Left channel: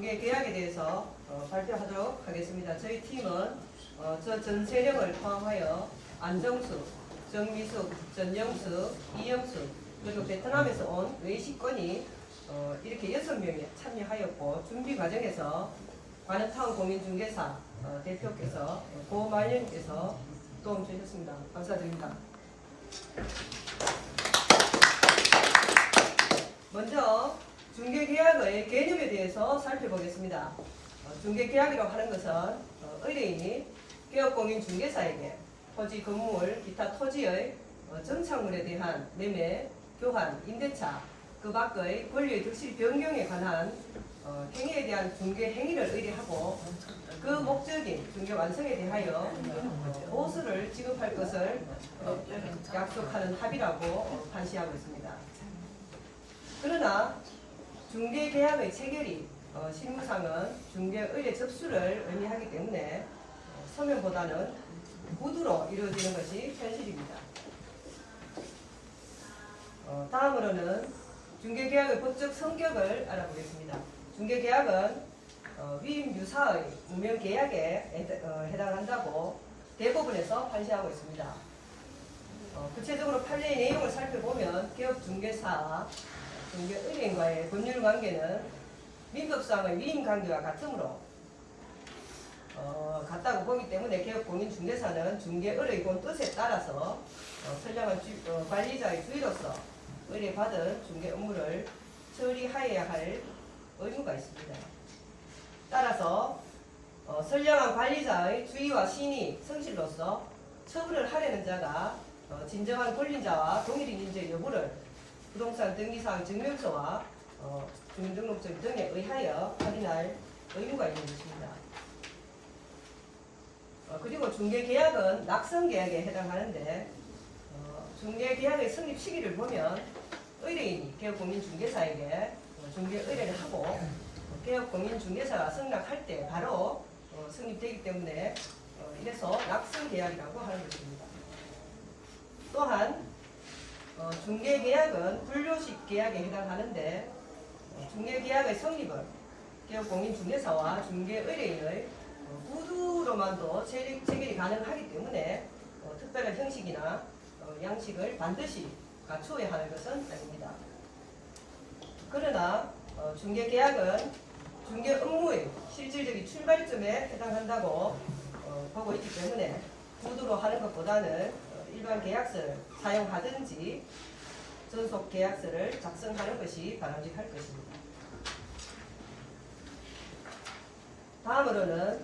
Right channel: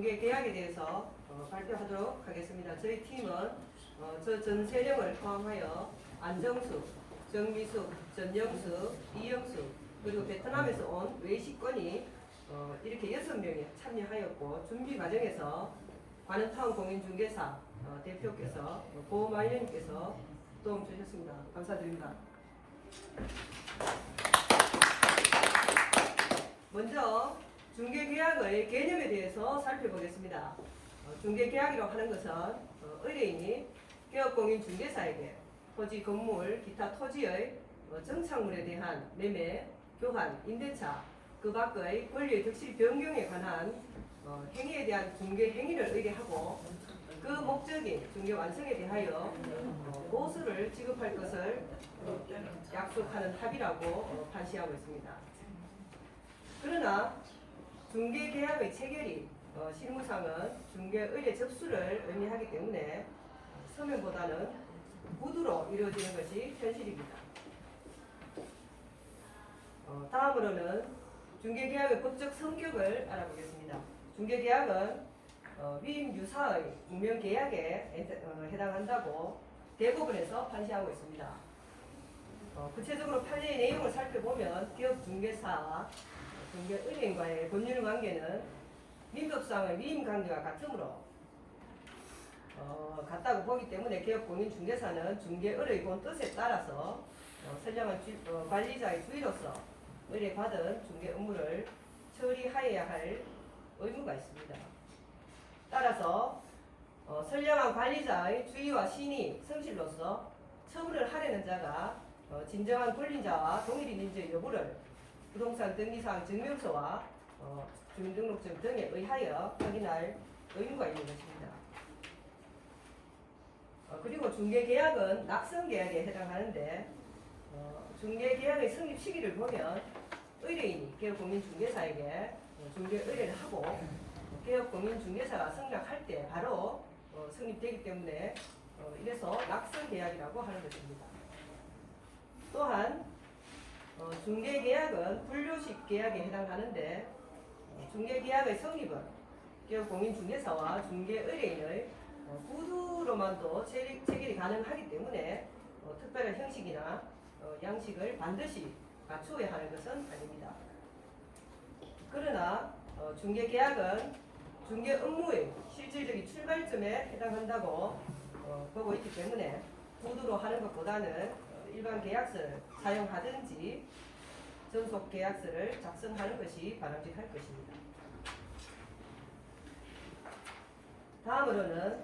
중개계약에 대해서 발표하도록 하겠습니다. 저희 팀은 저 전세령을 포함하여 안정숙, 정미숙, 전영숙, 이영숙 그리고 베트남에서 온 외식권이 이렇게 6명이 참여하였고 준비 과정에서 관음타운 공인중개사 대표께서 고말년께서 도움 주셨습니다. 감사드립니다. 먼저 중개계약의 개념에 대해서 살펴보겠습니다. 중개계약이라고 하는 것은 의뢰인이 개업공인중개사에게 토지, 건물, 기타 토지의 정착물에 대한 매매, 교환, 임대차, 그 밖의 권리의 득실 변경에 관한 행위에 대한 중개 행위를 의뢰하고 그 목적인 중개 완성에 대하여 보수를 지급할 것을 약속하는 합의라고 판시하고 있습니다. 그러나 중개계약의 체결이 실무상은 중개의뢰 접수를 의미하기 때문에 서면보다는 구두로 이루어지는 것이 현실입니다. 다음으로는 중개계약의 법적 성격을 알아보겠습니다. 중개계약은 위임 유사의 무명계약에 해당한다고 대법원에서 판시하고 있습니다. 구체적으로 판례의 내용을 살펴보면 개업중개사와 중개의뢰인과의 법률관계는 민법상의 위임관계와 같으므로 같다고 보기 때문에 개업공인중개사는 중개의뢰인 뜻에 따라서 선량한 관리자의 주의로서 의뢰받은 중개 업무를 처리하여야 할 의무가 있습니다. 따라서 선량한 관리자의 주의와 신의, 성실로서 처분을 하려는 자가 진정한 권리자와 동일인 인재 여부를 부동산 등기사항 증명서와 주민등록증 등에 의하여 확인할 의무가 있는 것입니다. 그리고 중개계약은 낙성계약에 해당하는데 중개계약의 성립 시기를 보면 의뢰인이 개업공인중개사에게 중개의뢰를 하고 개업공인중개사가 승낙할 때 바로 성립되기 때문에 이래서 낙성계약이라고 하는 것입니다. 또한 중개계약은 분류식 계약에 해당하는데 중개계약의 성립은 개업공인중개사와 중개의뢰인의 구두로만도 체결이 가능하기 때문에 특별한 형식이나 양식을 반드시 갖추어야 하는 것은 아닙니다. 그러나 중개계약은 중개 업무의 실질적인 출발점에 해당한다고 보고 있기 때문에 구두로 하는 것보다는 일반 계약서를 사용하든지 전속 계약서를 작성하는 것이 바람직할 것입니다. 다음으로는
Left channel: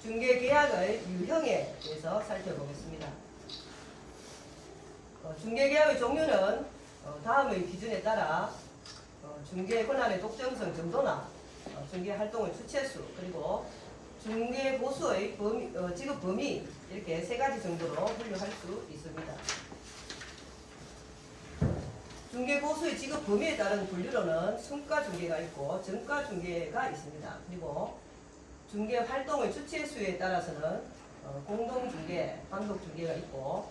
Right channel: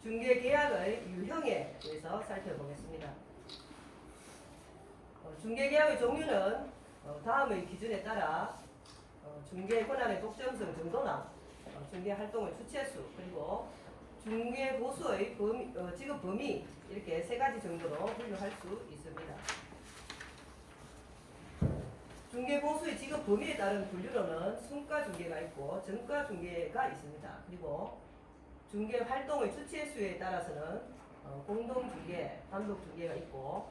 중개계약의 유형에 대해서 살펴보겠습니다. 중개계약의 종류는 다음의 기준에 따라 중개 권한의 독점성 정도나 중개 활동의 주체수 그리고 중개 보수의 지급 범위 이렇게 세 가지 정도로 분류할 수 있습니다. 중개 보수의 지급 범위에 따른 분류로는 순가 중개가 있고 정가 중개가 있습니다. 그리고 중개 활동의 주체수에 따라서는 공동 중개, 단독 중개가 있고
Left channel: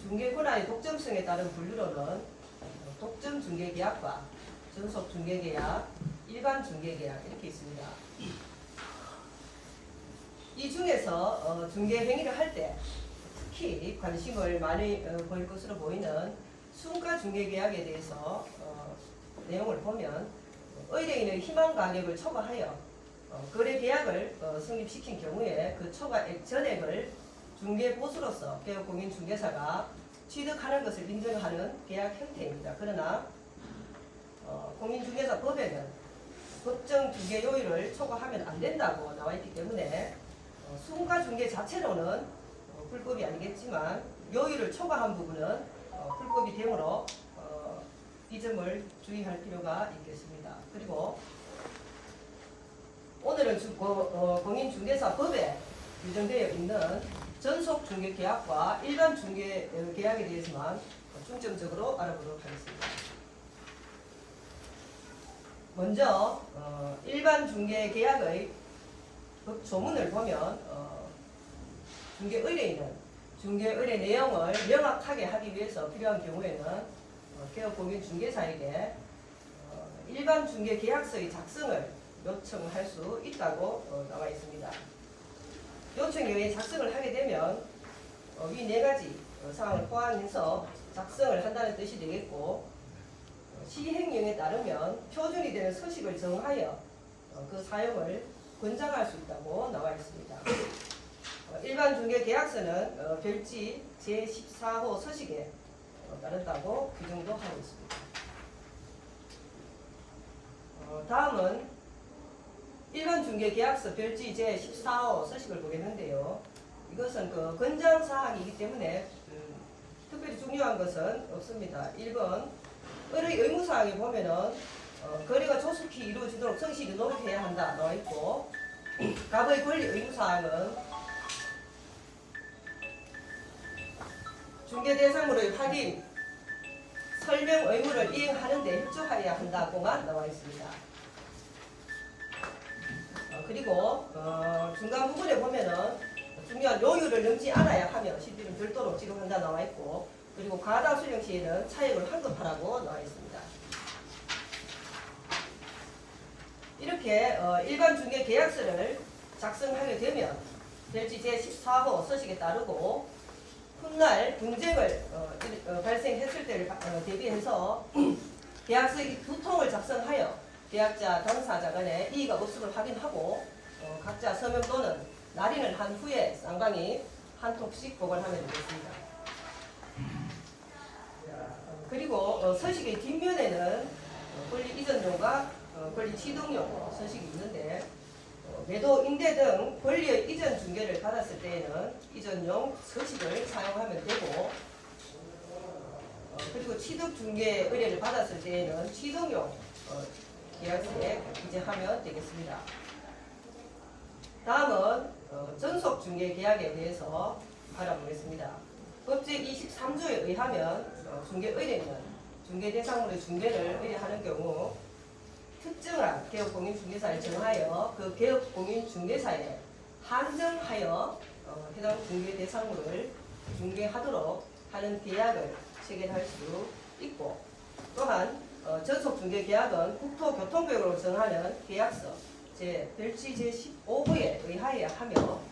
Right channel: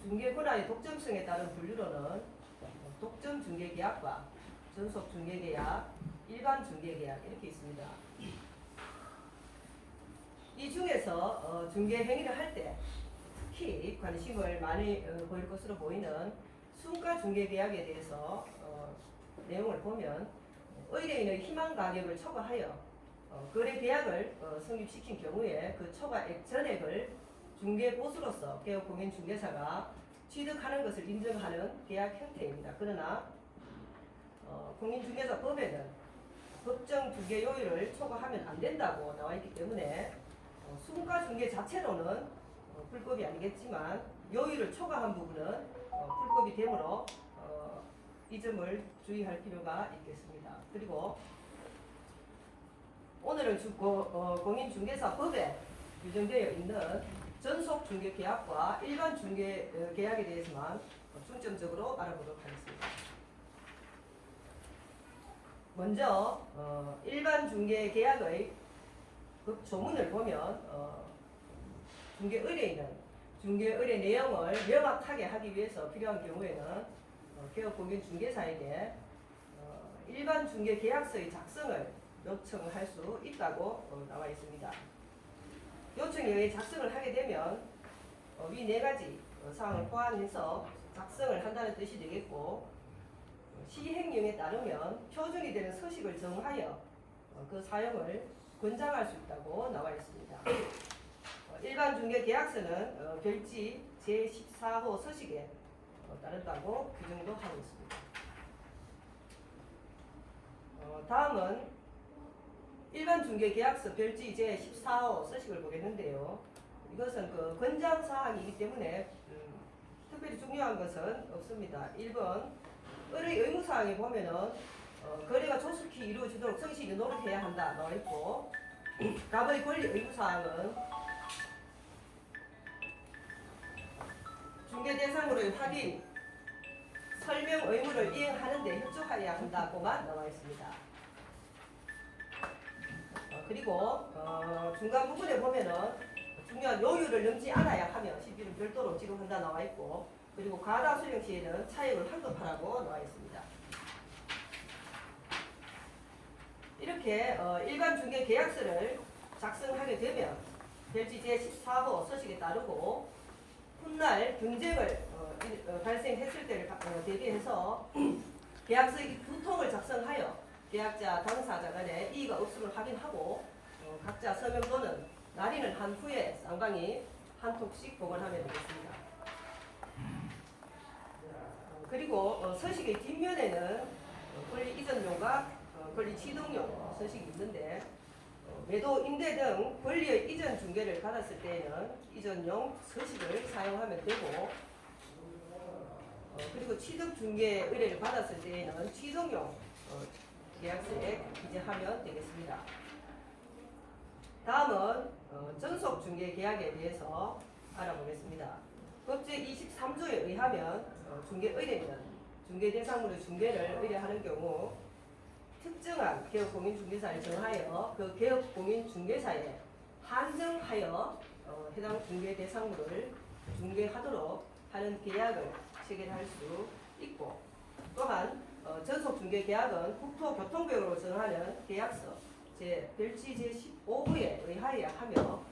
중개 권한의 독점성에 따른 분류로는 독점 중개 계약과 전속 중개 계약, 일반 중개 계약 이렇게 있습니다. 이 중에서 중개 행위를 할 때 특히 관심을 많이 보일 것으로 보이는 순가 중개 계약에 대해서 내용을 보면 의뢰인의 희망 가격을 초과하여 거래 계약을 성립시킨 경우에 그 초과액 전액을 중개 보수로서 개업공인중개사가 취득하는 것을 인정하는 계약 형태입니다. 그러나 공인중개사법에는 법정 중개 요율을 초과하면 안 된다고 나와 있기 때문에 순가 중개 자체로는 불법이 아니겠지만 요율을 초과한 부분은 불법이 되므로 이 점을 주의할 필요가 있겠습니다. 그리고 오늘은 공인중개사법에 규정되어 있는 전속 중개 계약과 일반 중개 계약에 대해서만 중점적으로 알아보도록 하겠습니다. 먼저 일반 중개 계약의 법 조문을 보면 중개 의뢰인은 중개 의뢰 내용을 명확하게 하기 위해서 필요한 경우에는 개업공인중개사에게 일반 중개 계약서의 작성을 요청할 수 있다고 나와 있습니다. 요청 이외에 작성을 하게 되면 위 네 가지 사항을 포함해서 작성을 한다는 뜻이 되겠고, 시행령에 따르면 표준이 되는 서식을 정하여 그 사용을 권장할 수 있다고 나와 있습니다. 일반 중개 계약서는 별지 제14호 서식에 따른다고 규정도 하고 있습니다. 다음은 일반 중개 계약서 별지 제14호 서식을 보겠는데요. 이것은 그 권장 사항이기 때문에 특별히 중요한 것은 없습니다. 1번 의뢰 의무 사항에 보면은 거래가 조속히 이루어지도록 성실히 노력해야 한다 나와 있고, 갑의 권리 의무 사항은 중개 대상으로의 확인, 설명 의무를 이행하는 데 협조하여야 한다고만 나와 있습니다. 그리고 중간 부분에 보면은 중요한 요율을 넘지 않아야 하며 시비는 별도로 지급한다 나와 있고, 그리고 과다 수령 시에는 차익을 환급하라고 나와 있습니다. 이렇게 일반 중개 계약서를 작성하게 되면 별지 제14호 서식에 따르고, 훗날 분쟁을 발생했을 때를 대비해서 계약서의 두 통을 작성하여 계약자, 당사자 간에 이의가 없음을 확인하고 각자 서명 또는 날인을 한 후에 쌍방이 한 통씩 보관하면 되겠습니다. 그리고 서식의 뒷면에는 권리 이전용과 권리 취득용 서식이 있는데, 매도, 임대 등 권리의 이전 중개를 받았을 때에는 이전용 서식을 사용하면 되고, 그리고 취득 중개 의뢰를 받았을 때에는 취득용 계약서에 기재하면 되겠습니다. 다음은 전속 중개 계약에 대해서 알아보겠습니다. 법제 23조에 의하면 중개 의뢰는 중개 대상으로 중개를 의뢰하는 경우 특정한 개업공인중개사를 정하여 그 개업공인중개사에 한정하여 해당 중개 대상물을 중개하도록 하는 계약을 체결할 수 있고, 또한 전속 중개 계약은 국토교통부로 정하는 계약서 별지 제15호에 의하여야 하며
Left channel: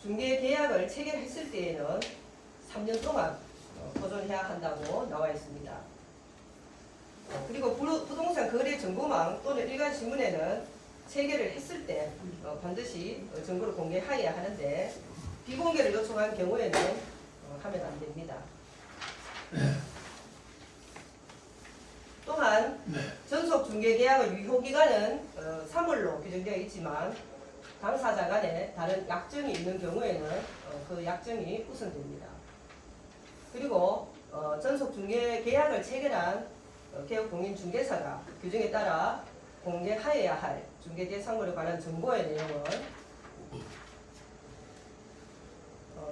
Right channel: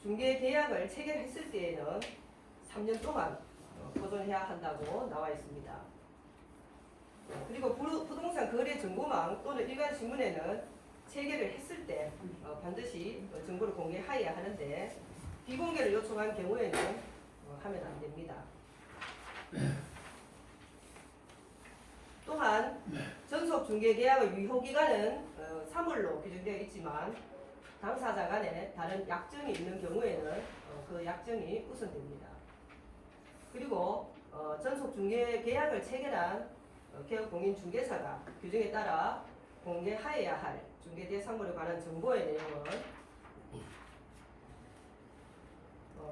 중개 계약을 체결했을 때에는 3년 동안 보존해야 한다고 나와 있습니다. 그리고 부동산 거래 정보망 또는 일간 신문에는 체결을 했을 때 반드시 정보를 공개하여야 하는데, 비공개를 요청한 경우에는 하면 안 됩니다. 또한 전속 중개 계약의 유효 기간은 3월로 규정되어 있지만, 당사자 간에 다른 약정이 있는 경우에는 그 약정이 우선됩니다. 그리고 전속 중개 계약을 체결한 개업공인중개사가 규정에 따라 공개하여야 할 중개 대상물에 관한 정보의 내용은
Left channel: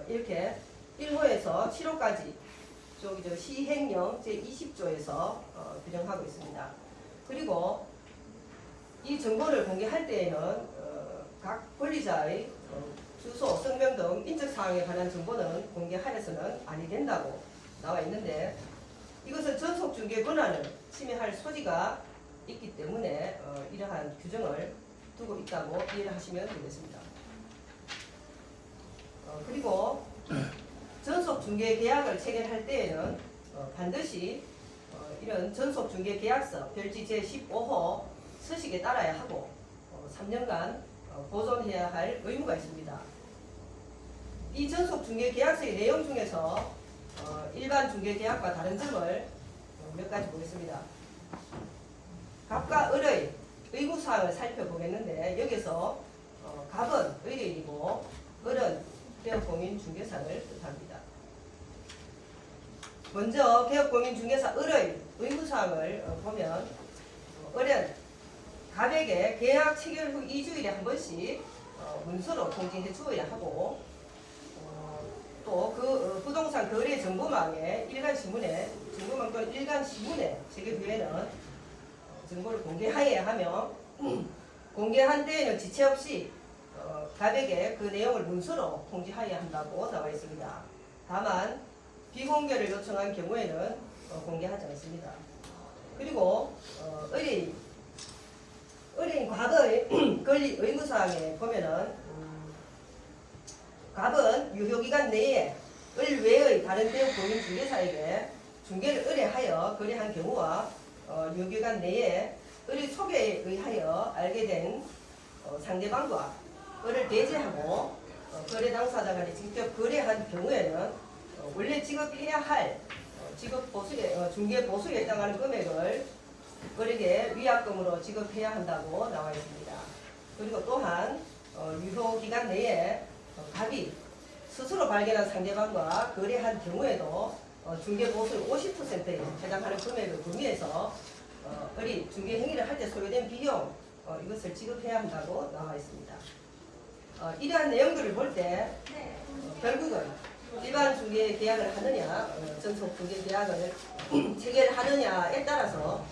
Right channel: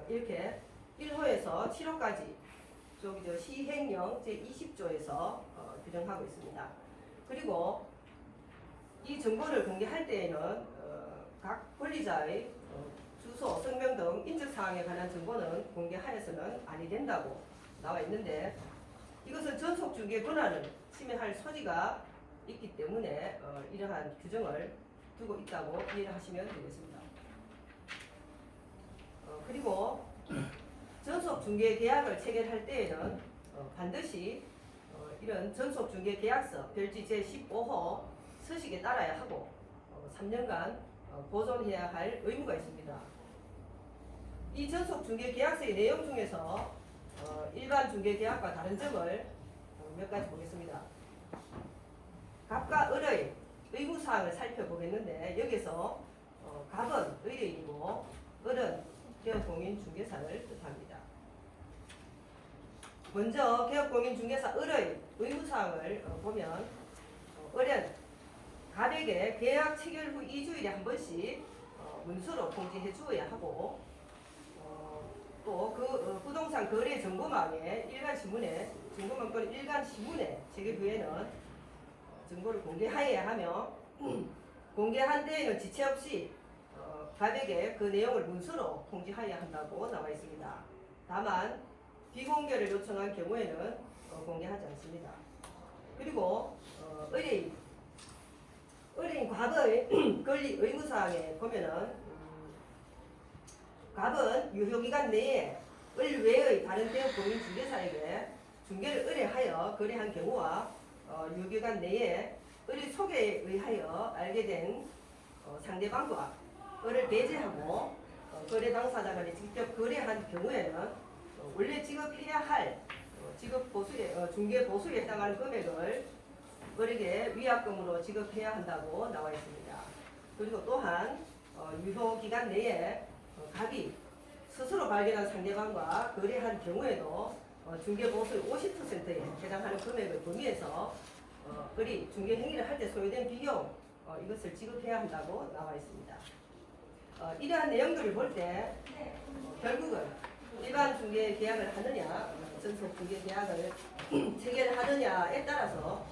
이렇게 1호에서 7호까지 저기 시행령 제20조에서 규정하고 있습니다. 그리고 이 정보를 공개할 때에는 각 권리자의 주소, 성명 등 인적사항에 관한 정보는 공개하여서는 아니 된다고 나와 있는데, 이것은 전속중개 권한을 침해할 소지가 있기 때문에 이러한 규정을 두고 있다고 이해를 하시면 되겠습니다. 그리고 전속중개 계약을 체결할 때에는 반드시 이런 전속중개계약서 별지 제15호 서식에 따라야 하고 3년간 보존해야 할 의무가 있습니다. 이 전속중개계약서의 내용 중에서 일반 중개계약과 다른 점을 몇 가지 보겠습니다. 갑과 을의 의무사항을 살펴보겠는데, 여기서 갑은 의뢰인이고 을은 개업공인중개사를 뜻합니다. 먼저 개업공인중개사 을의 의무사항을 보면 을은 갑에게 계약 체결 후 2주일에 한 번씩 문서로 통지해 주어야 하고, 또 그 부동산 거래 정보망에 일간신문에 정보망 또는 일간신문에 체결 후에는 정보를 공개하여야 하며, 공개한 때에는 지체 없이 갑에게 그 내용을 문서로 통지하여야 한다고 나와 있습니다. 다만 비공개를 요청한 경우에는 공개하지 않습니다. 그리고 의뢰인 의뢰인 과거의 권리 의무사항에 보면은 갑은 유효기간 내에 을 외의 다른 대응 공인 중개사에게 중개를 의뢰하여 거래한 경우와 유효기간 내에 의뢰 소개에 의하여 알게 된 상대방과 을을 배제하고 거래 당사자 간에 직접 거래한 경우에는 원래 지급해야 할 지급 보수에 중개 보수에 해당하는 금액을 을에게 위약금으로 지급해야 한다고 나와 있습니다. 그리고 또한 유효 기간 내에 갑이 스스로 발견한 상대방과 거래한 경우에도 중개 보수의 50%에 해당하는 금액을 범위해서 을이 중개 행위를 할 때 소요된 비용 이것을 지급해야 한다고 나와 있습니다. 이러한 내용들을 볼 때 결국은 일반 중개 계약을 하느냐 전속 중개 계약을 체결하느냐에 따라서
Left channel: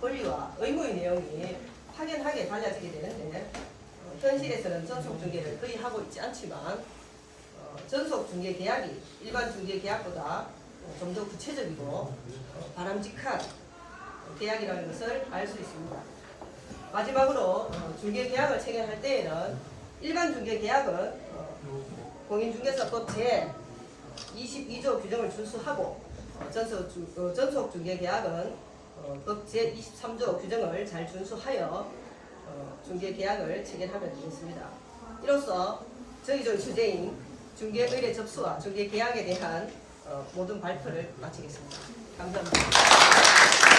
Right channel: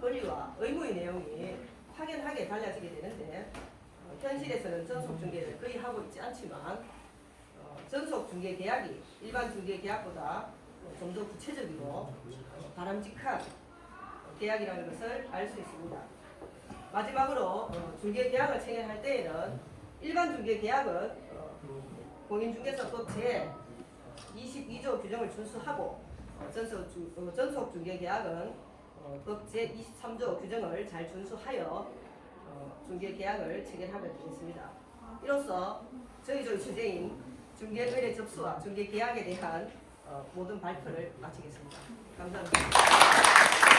권리와 의무의 내용이 확연하게 달라지게 되는데 현실에서는 전속 중개를 거의 하고 있지 않지만 전속 중개 계약이 일반 중개 계약보다 좀 더 구체적이고 바람직한 계약이라는 것을 알 수 있습니다. 마지막으로 중개 계약을 체결할 때에는 일반 중개 계약은 공인중개사법 제 22조 규정을 준수하고 전속 중개 계약은 법 제 23조 규정을 잘 준수하여 중개 계약을 체결하면 되겠습니다. 이로써 저희조의 주제인 중개 의뢰 접수와 중개 계약에 대한 모든 발표를 마치겠습니다. 감사합니다.